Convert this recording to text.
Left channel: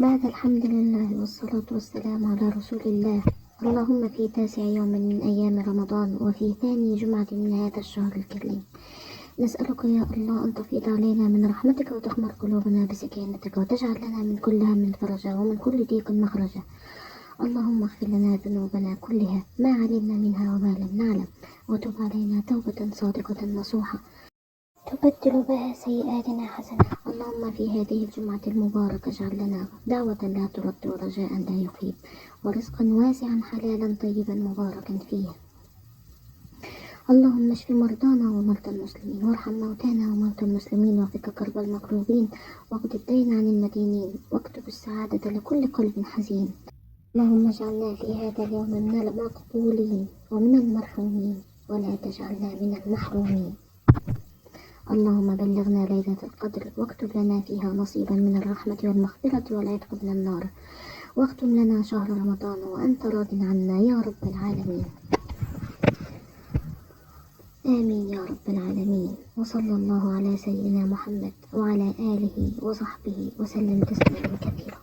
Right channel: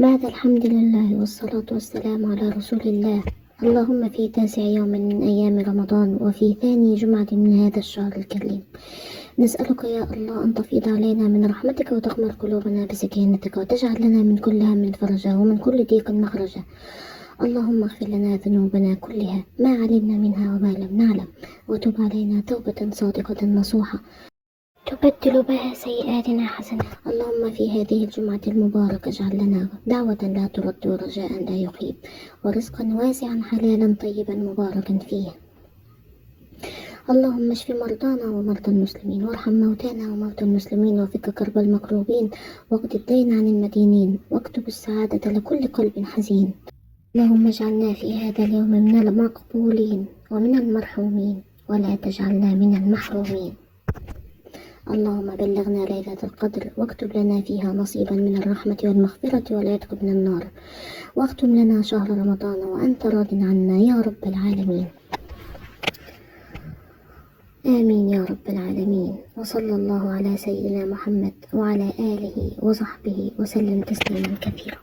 بعد الحمد لله والصلاة والسلام على رسول الله. اللهم في تاسع يوم من أيام رمضان وفي ثاني جمعة من هذا الشهر الكريم نسألك يا الله أن تفيض علينا من رحمتك وتغمر قلوبنا بسكينتك وتجعل لنا من كل هم فرجا ومن كل ضيق مخرجا. اللهم اغفر لنا ذنوبنا كلها ما علمنا منها وما لم نعلم وتب علينا توبة صادقة نصوحة تبدل بها سيئاتنا حسنة. اللهم في هذه الجمعة المباركة اجعل لنا دعوة لا ترد ورجاء لا يخيب ورزقا واسعا حلالا طيبا مباركا فيه. اللهم اشف مرضانا ومرضى المسلمين وارحم موتانا وموتى المسلمين وفك كرب المكروبين واقض الدين عن المدينين واكتب السعادة لكل قلب حزين. اللهم اجعلنا في هذا اليوم من المقبولين ومن المرحومين ولا تجعلنا من المحرومين. اللهم بلغنا ليلة القدر واكتب لنا فيها نصيبا من الرحمة والمغفرة والعتق من النار واختم لنا شهر رمضان وأنت راض عنا يا رب العالمين. آمين يا رب العالمين. وصلى الله على سيدنا محمد وعلى آله وصحبه وسلم تسليما كثيرا.